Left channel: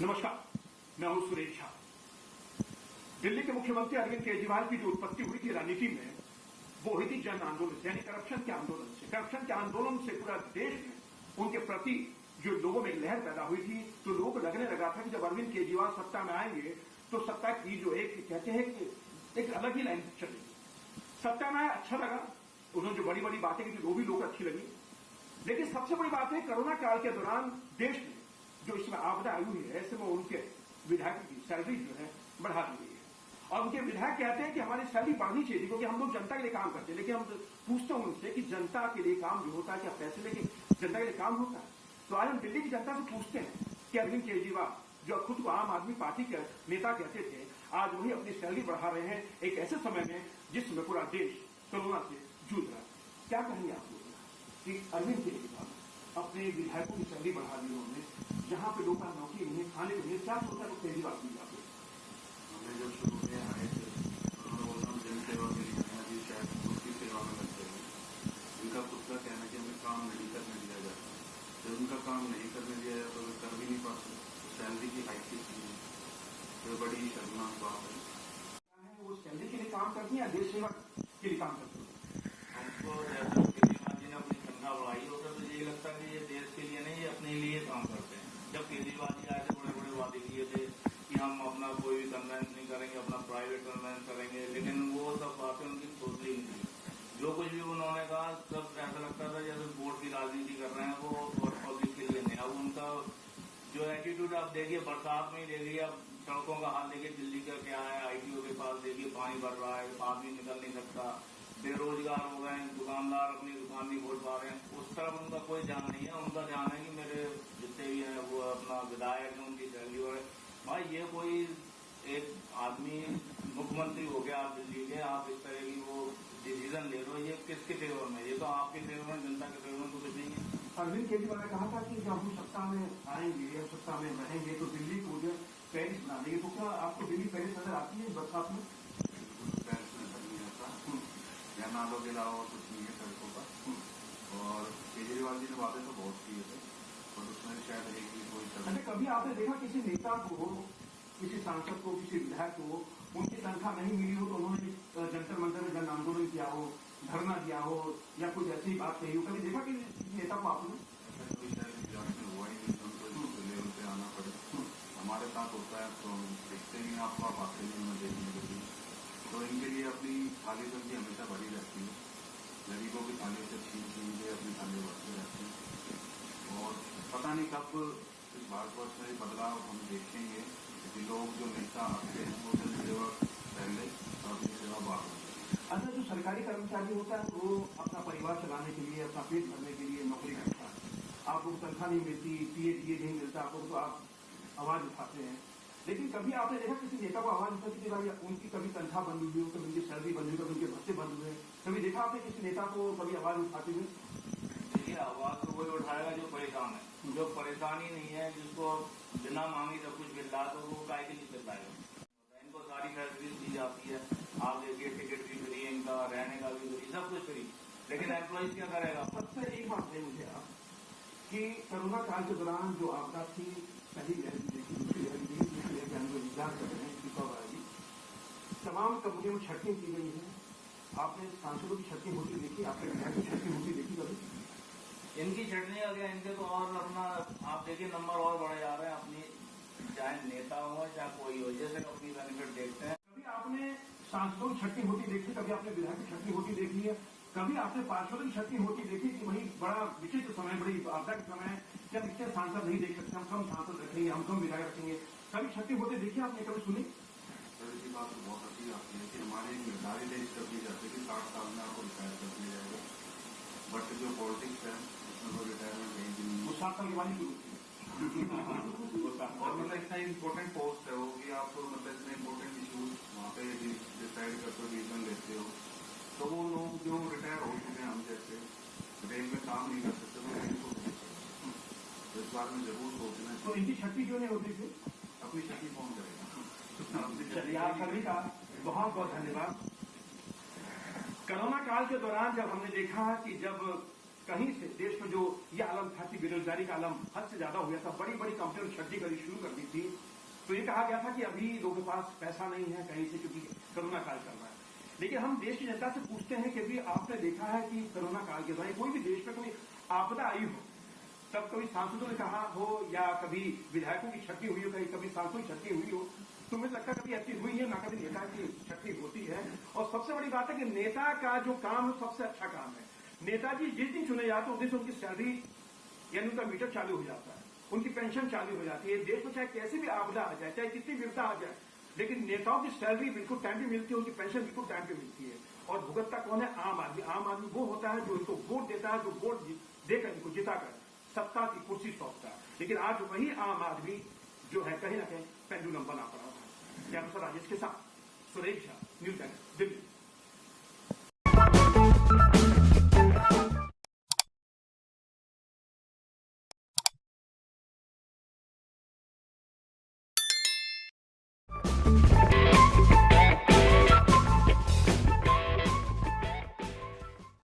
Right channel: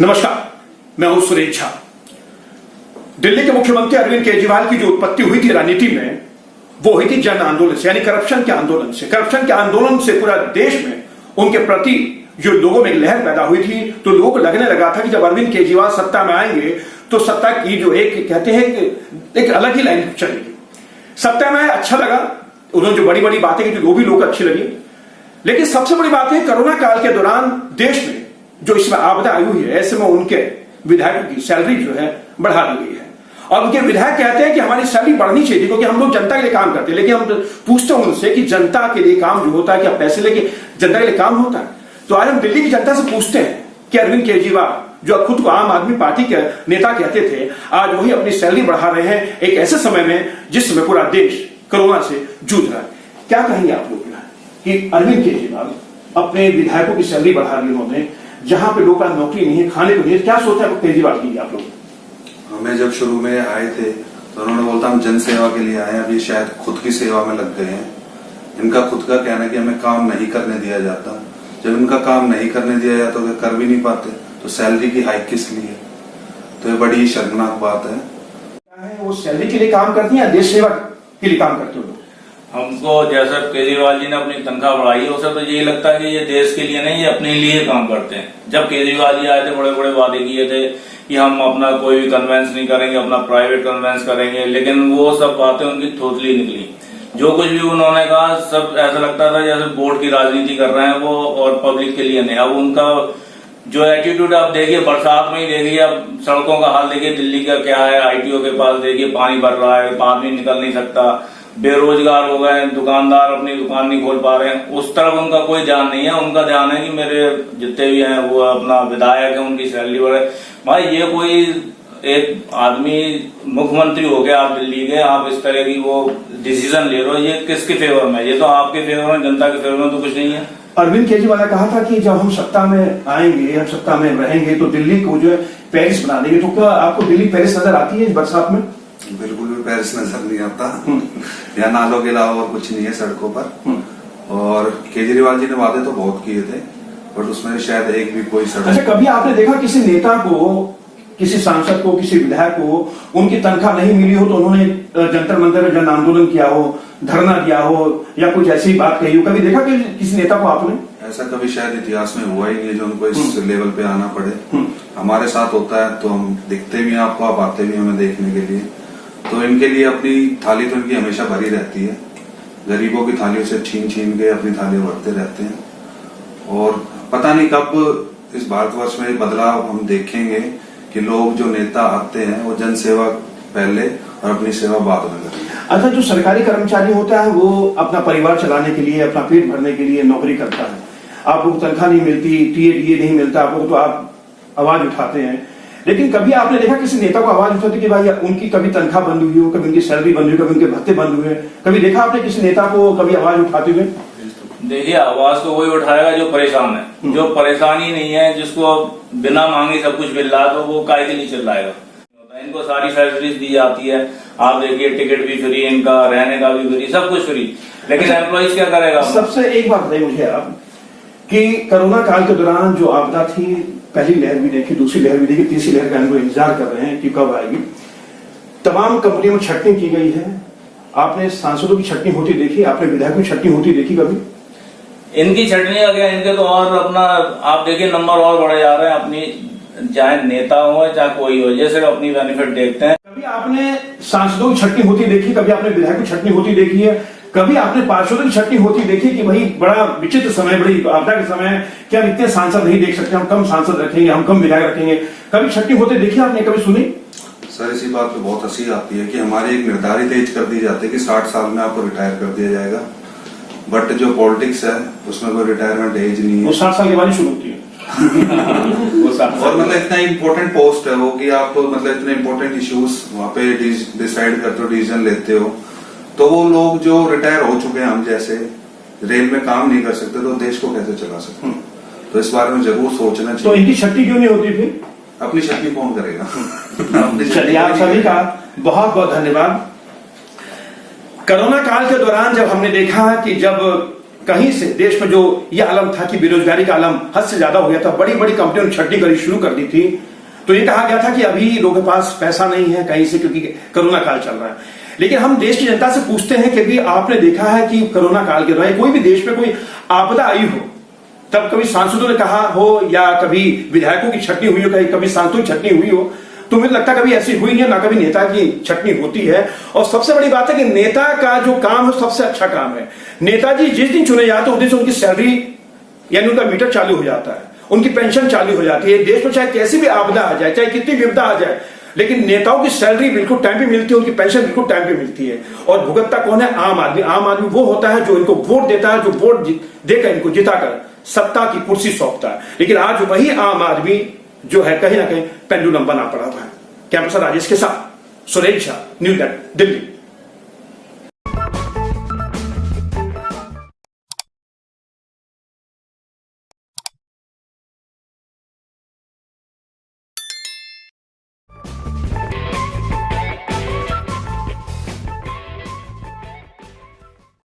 नमस्कार, मैं हूं सुरेश झा। दिल्ली के मुख्यमंत्री अरविंद केजरीवाल की जो उत्पत्ति हुई थी राजनीति में, वो हुई थी जन आंदोलन से, यानी करप्शन के आंदोलन से। करप्शन के आंदोलन से पूरा देश में उनके प्रति जो लोगों में एक लहर पैदा हुई थी, तो लोगों को लगने लगा था कि जब अरविंद केजरीवाल सत्ता में आएंगे तो सत्ता की जो एक कहते हैं कि एक अलग ही लाइन चलेगी। सत्ता में अच्छा लगा, उन्होंने जो बड़ी बड़ी बातें की वो भी लोग अच्छी लगी, लेकिन सबसे बड़ी बात है कोरोना काल के दौरान देश में जो इसमें आपदा आई हुई है, ऐसे में उनके विधायकों की सैलरी जो है बढ़ा दी गई है। और उनके विधायक कहते हैं कि हमारी सैलरी बढ़नी चाहिए क्योंकि हम लोग जनता के लिए काम करते हैं। लेकिन हम पूछते हैं उनसे कि जनता के लिए काम जो होता है, क्या पैसे लेके जनता के लिए काम होता है? तो आज हम दिल्ली की जनता से पूछते हैं कि अरविंद केजरीवाल जो खुद को आम आदमी पार्टी के नेता कहते थे, आज वही अपनी सैलरी बढ़ा रहे हैं एक ऐसे समय में जिसमें पूरा देश कोरोना से जूझ रहा है। क्या कहेंगे आप लोग कि अरविंद केजरीवाल अपने विधायकों की सैलरी बढ़ा दी उन्होंने, जहां पे लोगों का नौकरी नहीं है, खाने को नहीं है? क्या सोचते हैं केजरीवाल की आप लोग? हमें जब शुरू में आए थे तो उन्होंने बोलता हम जन सेवा के लिए आए हैं, अभी शायद खुद की सेवा में लग गए हैं। इनका खुद का कहना है कि हमें काम नहीं करने दिया जाता। जब इनका काम नहीं करने दिया जाता तो कर भी नहीं पाते, तो सैलरी की हाइक किस लिए? तो ये बड़ी शर्मनाक बात है। क्या है वो सैलरी के लिए काम करती है या देश सेवा के लिए काम करते हो? हमको जैसा केजरीवाल जी ने अपनी तनख्वाह बढ़ाई है, उसे तो यही लगता है कि ये देश के लिए नहीं, ये अपने लिए काम करते हैं। जब केजरीवाल जी आए थे, बड़े बड़े वादे किए थे कि हम अपना कोई भी कन्वेंस नहीं करेंगे, अपना प्राइवेट कन्वेंस करेंगे, लेकिन वो सब बातें उनकी थोथली निकली। जो कुछ भी उन्होंने कहा सब ऐसा लगता था जैसे बोर्ड की राजनीति कर रहे हैं वो, और पब्लिक के लिए नहीं। अब उनका जो एटीट्यूड आप देखिए, बरसात में ही देखिए, अब सड़कों का हाल देखिए दिल्ली का क्या है। आईटीओ के पास देखिए पानी भर रहा है, आदमी निकल नहीं सकता, बेरोजगार हो गए, दुकानदार अपनी दुकान नहीं खोल पा रहे हैं। उस तरफ उनका कोई ध्यान नहीं है। उनका ध्यान है कि मेरे जितने भी हैं वो अपना विधायक है, उनकी सैलरी बढ़े। भाई ये कोई एक आदमी मुख्यमंत्री हो गया आप दिल्ली के, आप इस तरह की वो डिसीजन ले रहे हो, ये किसके फेवर में? ये तो आपके फेवर में, जनता के फेवर में तो कुछ नहीं है। अरविंद केजरीवाल ने कहा था कि जब हम सत्ता में आएंगे, हम सत्ता में रहेंगे तो दिल्ली को जो है पेरिस बना देंगे। तो क्या आपको दिल्ली पेरिस नजर आती है इस बरसात में? बिल्कुल भी पेरिस नजर नहीं आता। यहाँ नालों के अलावा कुछ नहीं है सड़कों पर। और केजरीवाल जी ने वादे तो बहुत किए थे, बट उसमें शायद एक भी कोई सड़क। अच्छा, कभी आपने देखा किसी नेता को, किसी सांसद को, किसी विधायक को उनकी तनख्वाह नहीं मिली हो तो उन्होंने जंतर मंतर में जन आंदोलन किया हो, धरना दिया हो या कुछ ऐसी बात कही हो? कभी देखा कि किसी नेता को आपने? ऐसा कभी शायद इतिहास में हुआ ही नहीं जो उनको इस लेवल पे आना पड़े। हमारे साथ होता है तो हम दिखते भी हैं आपको, आप आते भी हमें देखने के लिए। तो इनके लिए अपनी थाली तो इनकी हमेशा भरी रहती है। गरीबों की थालियों से छीन छीन के अपनी थालियां भरते रहते हैं। और पता नहीं कब इस भारतवर्ष में बदलाव हम देखेंगे कि लोग जो नेता आते हैं वो जन सेवा पहले और अपनी सेवा बाद में करें। अच्छा, जो सरकारी कर्मचारी होता है वो अपना परिवार चलाने के लिए, अपना पेट भरने के लिए नौकरी करता है। आपको तनख्वाह नहीं मिलती, टीए नहीं मिलता आपको, तो आप आवाज उठाते हैं। लेकिन कभी आपने देखा किसी नेता को आवाज उठाते कि भाई उनकी कभी तनख्वाह बंद हुई हो, कभी उनकी सैलरी बंद हुई, कभी उनके भत्ते बंद हुए? कभी देखा आपने किसी नेता को कभी आवाज उठाते हुए? देखिए, आवाज तो वही उठाएगा जो परेशान है। जो परेशान ही नहीं है, जिसको बिना मांगे सब कुछ मिल रहा है, तो वो काहे के लिए चिल्लाएगा? इनको सारी फैसिलिटीज दी जाती है। आप देखिए टिकट भी फ्री, इनका रहने का भी फ्री, सब कुछ फ्री, लेकिन एम्प्लॉइज क्या करेगा? सबसे एक बात बताइए मुझे आप कि कोरोना काल के दौरान जो आपदा थी, पहली लहर भी देखी, दूसरी लहर भी देखी, तीसरी लहर का हम लोग इंतजार कर रहे हैं कि कब आएगी। तमाम कंपनियों में छटनी की गई है। आपने सांसदों की छटनी होती देखी, आपने विधायकों की छटनी होती देखी कभी? इनकी छटनी आ गया, इनके तो और अपना आप देखिए नंबर और बढ़े जा रहे हैं। अपनी चाहे नेता हो चाहे कोई हो, जैसे अपनी बेनिफिट देखते हैं। कभी आपने सांसदों की छटनी होती देखी, कभी आपने विधायकों की छटनी होती देखी है, कभी आपने पार्षदों की छटनी होती देखी कि भाई बड़ा विचित्र समय, बड़ी आपदा के समय क्या हम इतने सांसद नहीं देख सकते, हम कम सांसद रखेंगे, हम कम विधायक रखेंगे? कभी छटनी होते देखी आपने, कभी सुनी? सर इसी बात पे बहुत हंसी आती है कि हमारी एक निर्धारित एज कर दी जाती है कि 60 साल में आपको रिटायर कर दिया जाएगा, बट जो पॉलिटिक्स है उसमें कोई रिटायरमेंट एज नहीं है। वो 60 साल के बाद ही शुरू होती है। और मतलब इतना इम्पोर्टेंट पोस्ट है वो कि आप मतलब इतने इम्पोर्टेंट इश्यूज वहाँ पे डिसाइड करते हो, डिसीजन लेते हो। तो वो लोग जो रिटायर हो चुके हैं, हम जैसे रेल में काम नहीं कर सकते, तो देश को कैसे चला सकते? तो इस बारे में जरूर सोचना चाहिए। तो इनकी छटनी क्यों नहीं होती फिर? अपनी छटनी कौन करेगा? चलिए, आप सभी का बहुत बहुत धन्यवाद। कोरोना काल के दौरान जब हमने देखा कि जब कहीं से देश में जो यह आलम था कि बेरोजगारी का आलम हद से ज्यादा हो गया था, बड़ी बड़ी कंपनियों ने छटनी करनी शुरू कर दी थी, तो ये कहा गया था कि अभी लोगों के पास पैसा नहीं है कहीं से, क्योंकि कोरोना काल चल रहा है। लेकिन हम देश की जनता से पूछते हैं कि अभी आपने देखा है कि कोरोना काल के दौरान कोई भी देश में कोई आपदा आई हो, तब कभी सांसदों ने कहा हो या कभी विधायकों की छटनी हुई हो, कभी सांसदों की छटनी हुई हो, तो मुझे लगता है कभी ऐसी हुई नहीं है, ना कभी नेता की छटनी होती है। और सबसे बड़ी बात है कि नेता का जो काम है सबसे अच्छा काम है। नेताजी जिस दिन चुने जाते हैं उस दिन से उनकी सैलरी यानी उनका मीटर चालू हो जाता है, उनकी पेंशन चालू हो जाती है। देश में चाहे कैसी भी आपदा आ जाए, चाहे कितनी विपदा आ जाए, लेकिन नेताओं की सैलरी बिल्कुल टाइम पे मिलती है, उनकी पेंशन बिल्कुल टाइम पे मिलती है। और भुगतता कौन है? आम आदमी। आम आदमी वो होता है जो इनको वोट देता है, जो वोट देकर इनको जिताकर सत्ता की कुर्सी सौंपता है। लेकिन आज वही आम आदमी जो है कहीं ना कहीं पेंडुलम बना पड़ा हुआ है। कैंपस राजेश के साथ सुरेश झा, न्यूज़ 8 दिल्ली।